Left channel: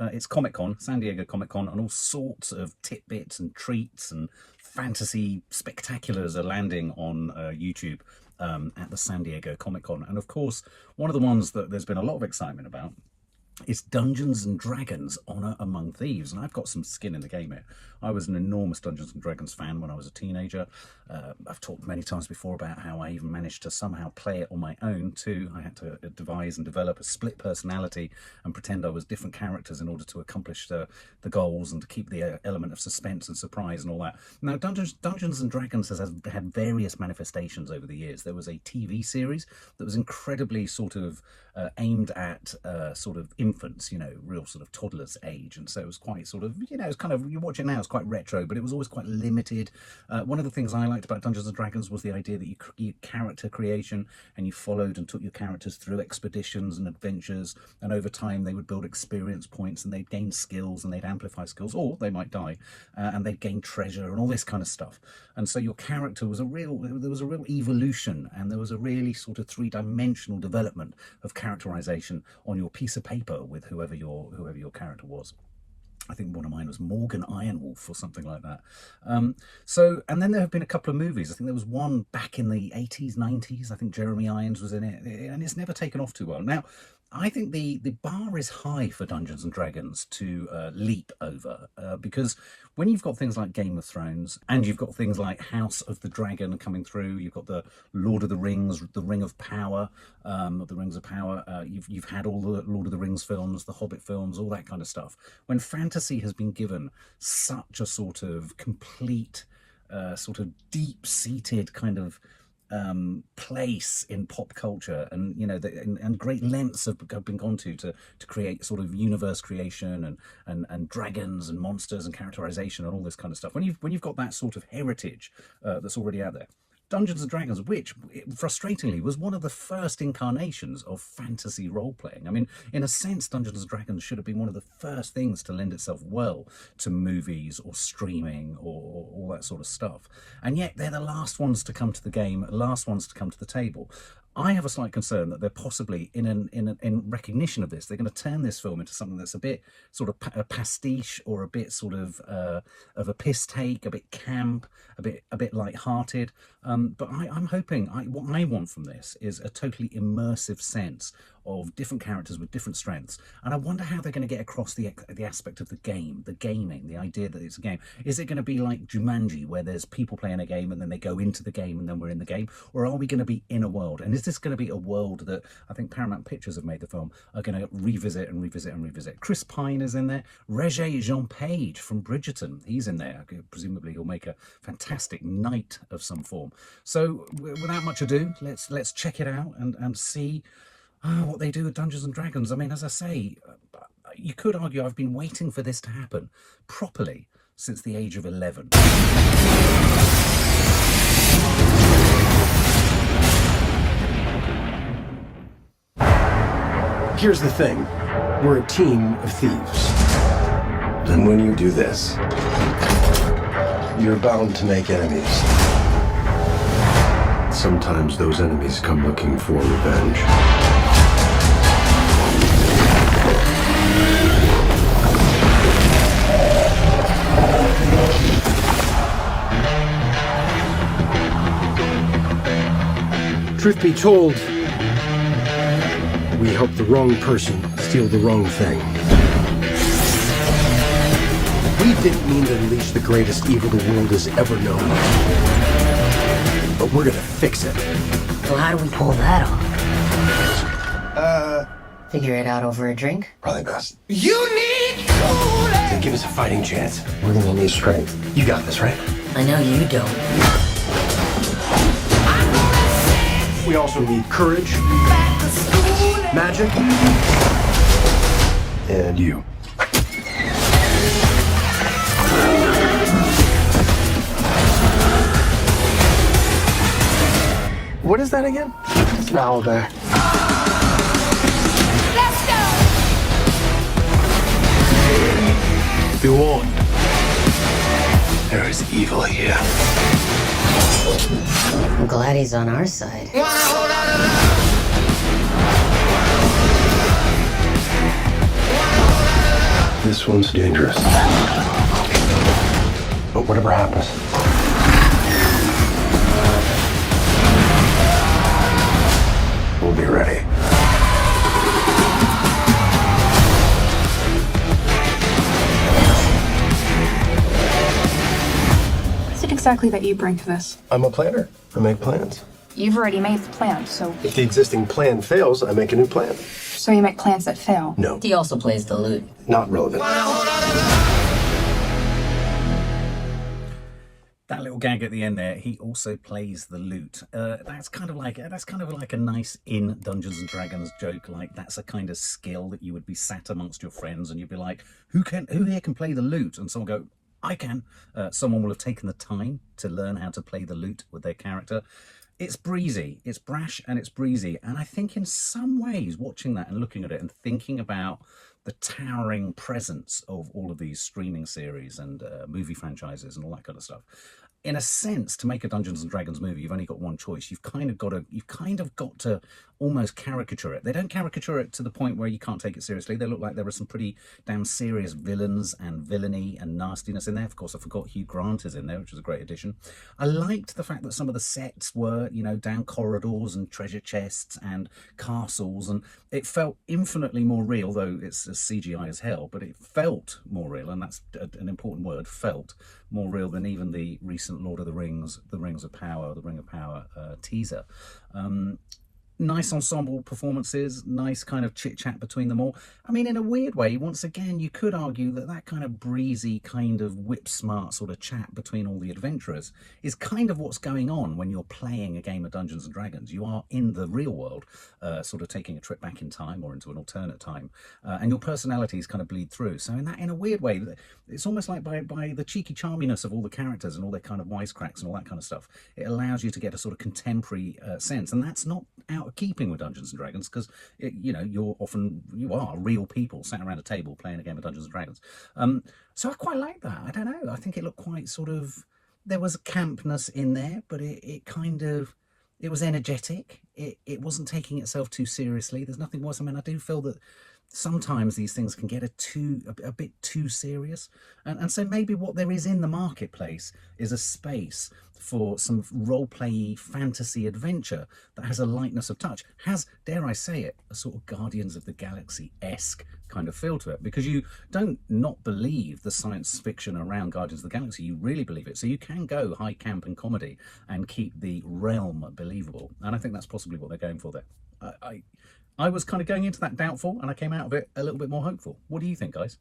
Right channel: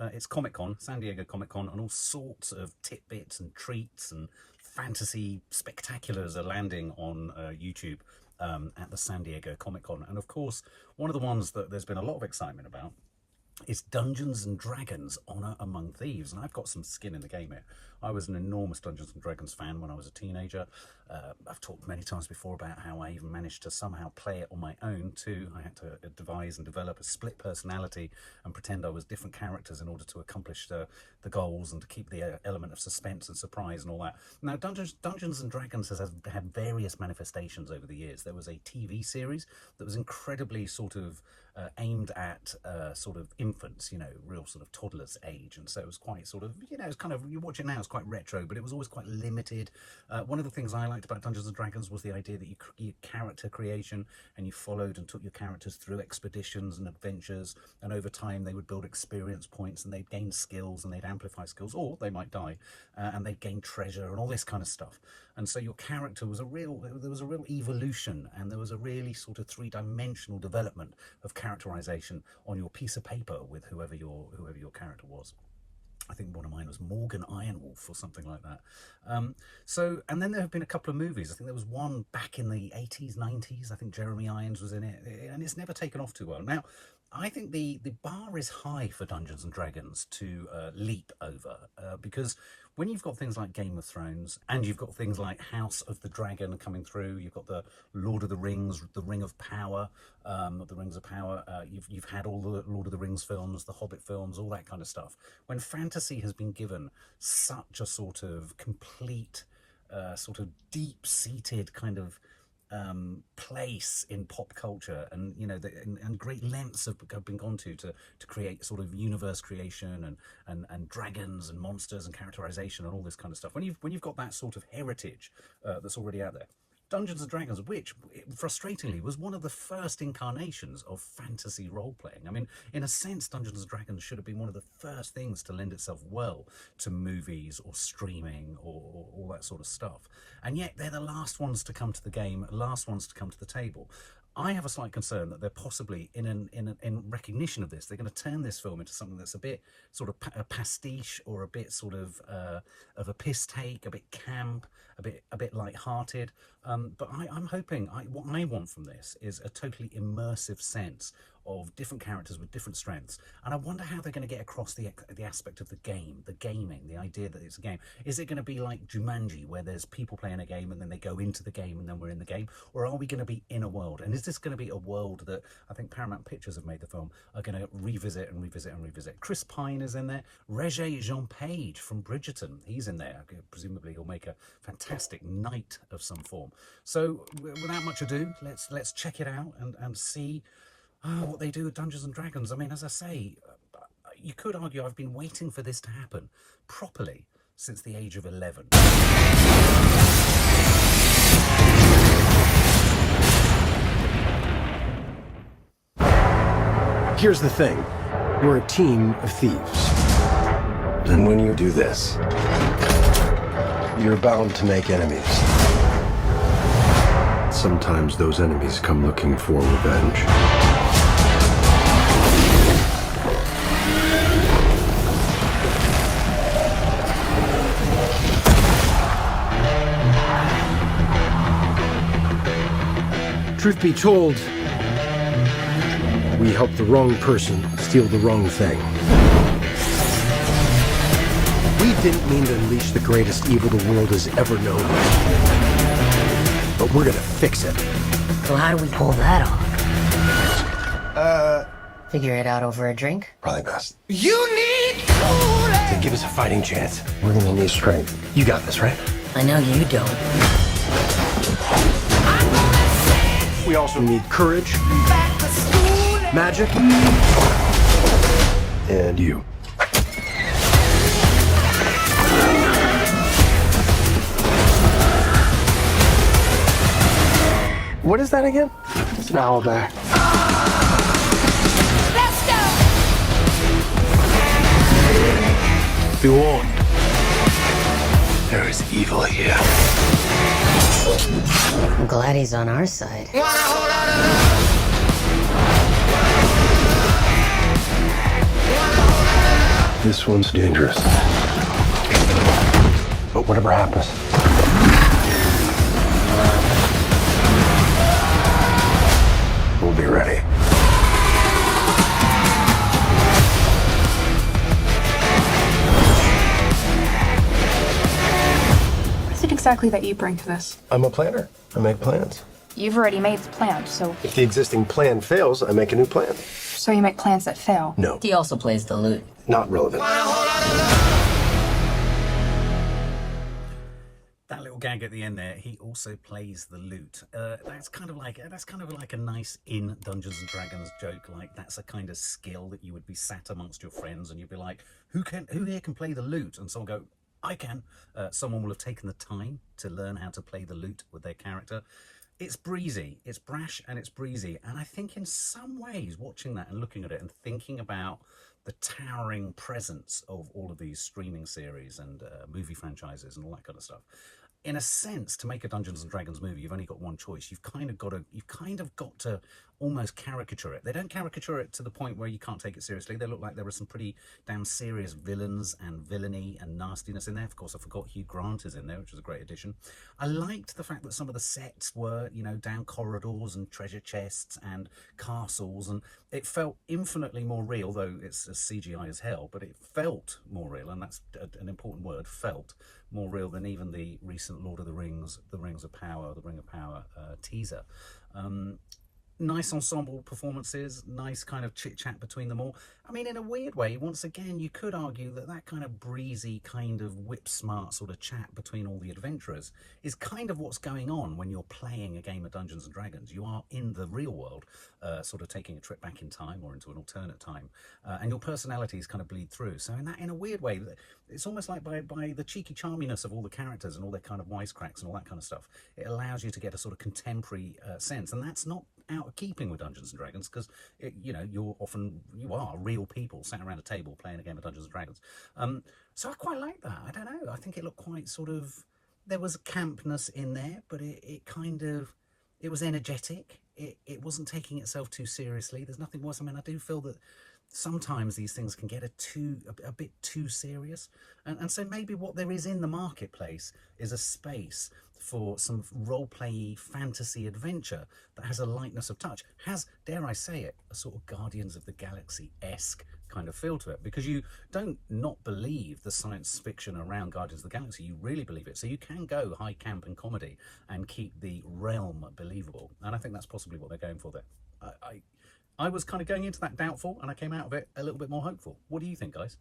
it's Comic-Con, San Diego Comic-Con, and all sorts of tidbits and treats and fantasy spectaculars are landing on YouTube at the San Diego Comic-Con. And of course, one of the ones that there's been a lot of excitement about is Dungeons and Dragons Honor Among Thieves. And I've got some skin in the game here. I was an enormous Dungeons and Dragons fan when I was a teenager. I've talked many times before about how I even managed to somehow play it on my own too. I had to devise and develop a split personality and pretend I was different characters in order to accomplish the goals and to keep the element of suspense and surprise and all that. Now, Dungeons and Dragons has had various manifestations over the years. There was a TV series that was incredibly sort of aimed at sort of infants, you know, real sort of toddlers age. And so it was quite sort of, you know, it's kind of, you watch it now, it's quite retro, but it was always quite limited. One of the things I liked about Dungeons and Dragons was the idea that you character creation, and you followed and took your characters through expeditions and adventures, and over time they would build experience points and they'd gain skills and they'd amplify skills, or they might die, and they'd gain treasure and all this kind of stuff. And so your character was there was a real evolution, and there was a really sort of three-dimensional development of characterization on your piece of paper with whoever your character was. I think one of mine was Morgan Ironwolf or something like that. And then there have been a couple of movies. I think there was one back in the 80s, 90s. I think Jeremy Irons was in it, and it's never taken off too well. Now, I think the bar is high for Dungeons and Dragons to leap over, because when you've got things like Game of Thrones, and you've got things like House of the Dragon coming through, you've got the Lord of the Rings, the Ring of Power, the Rings of Power, you've had all the Lord of the Rings films, the Hobbit films, all that kind of stuff. When fantasy has been given such a sort of complete, sort of deep-seated kind of place in pop culture, and you know, and great lengths have been gone to create sort of universe creation and dragons and monsters and characterization and all this kind of stuff. When you've got that sort of heritage that's already out there, Dungeons and Dragons, which frustratingly was one of the first incarnations of fantasy role-playing. I mean, in a sense, Dungeons and Dragons should have been one of the first things to lend itself well to movies or streaming or all that sort of stuff. And yet they're the last ones to come to the game, last ones to come to the table. I have a slight concern that they're possibly, in recognition of this, they're going to turn this film into something that's a bit sort of a pastiche, or a bit sort of a piss take, a bit camp, a bit light-hearted. But I'm hoping, what I want from this is a totally immersive sense of different characters with different strengths. And I wonder how they're going to get across the aspect of the game, the gaming, the idea that it's a game. Is it going to be like Jumanji, where there's people playing a game and then they go into the game and then we're in the game? Or are we going to be in a world? And is this going to be a world that I think Paramount Pictures have made the film are going to revisit and revisit and revisit? Chris Pine is in there. Regé-Jean Page from Bridgerton, he's in there. Presumably he'll make a fantastic knight of some form. So without much ado, let's check it out and see what they do with Dungeons and Dragons. I mean, as I say, you could argue I've been waiting for this to happen properly since the age of 11. Here's the thing. We're a team of thieves. And when you do this, you're bound to make enemies. Sometimes those enemies come looking for revenge. Truth be told, we helped the wrong person steal the wrong thing. We didn't mean to unleash the greatest evil the world has ever known. But we're gonna fix it. So how do we pull that off? Figure it out over a drink? Probably best. You need cooling. To give us a fighting chance, we're gonna need strength. You got this, right? I know you don't. We also need courage, magic, and you. What is that again? It's an owlbear. Let's go. Be warned. There is evil here. I'm glad he's on our side. Want a whole lot of love. Want a whole lot of love. This one's dangerous. But whatever happens, we'll be ready. What is it exactly that you bring to this? I'm a planner. I make plans. You've already made the plan, so If the existing plan fails, I make a new plan. you make plans that fail. No, He also plays the lute. not relevant. That little gag at the end there, he also plays the lute. That's kind of like a nice in Dungeons and Dragons joke. Like, that's a kind of skill that you would be sat amongst your friends and you'd be like, who here can play the lute? And someone go, I can. Someone will have taken the time to learn how to play the lute with their character. It's breezy, it's brash, and it's breezy. And I think in some ways, watching that and looking at it and thinking about the towering presence of all of these streaming series and movie franchises and all that kind of stuff, in a sense, to make a Dungeons and Dragons movie, you've only got one choice. You've kind of got to almost caricature it. They don't caricature it to the point where you can't take it seriously. They look like there are some pretty damn serious villains and villainy and nastiness in there. Of course, I forgot Hugh Grant is in there, which was a great addition. I liked the fact that some of the sets were, down corridors and treasure chests and castles, and it felt infinitely more real, though it's as CGI as hell, but it felt more real, and that's an important word, felt more real than even the recent Lord of the Rings, The Ring of Power teaser. Nice ensemble performances, nice kind of chit-chat between them all. I mean, in a weird way, once again, you could argue that kind of breezy, kind of whip-smart sort of chat between all the adventurers is kind of what's going on when you're playing a game of Dungeons and Dragons. You are in the real world, sort of taking a trip back in time or into an alternate time, and your personalities kind of bleed through. So in a weird way, it's almost like by the cheeky charminess of all the characters and all their kind of wisecracks and all that kind of stuff, it allows you to get a sort of contemporary sense, and that's not out of keeping with Dungeons and Dragons, because you are real people sat around a table playing a game of Dungeons and Dragons. So I quite like that. I don't know, I think it looked quite sort of, there was campness in there, but it was energetic. It wasn't taking itself too seriously. There's nothing worse. I mean, I do feel that sometimes these things can get a bit too serious, and so maybe what there is in the marketplace is a space for some role-play fantasy adventure that has a lightness of touch, has, dare I say it, a sort of Guardians of the Galaxy-esque kind of feel to it, because you don't not believe the science fiction around Guardians of the Galaxy, you really believe it. So you can go high camp and comedy and keep the realm believable, and I think that's possibly what they're going for there. I was kind of going into that doubtful, and I came out of it a little bit more hopeful. What do you think, guys?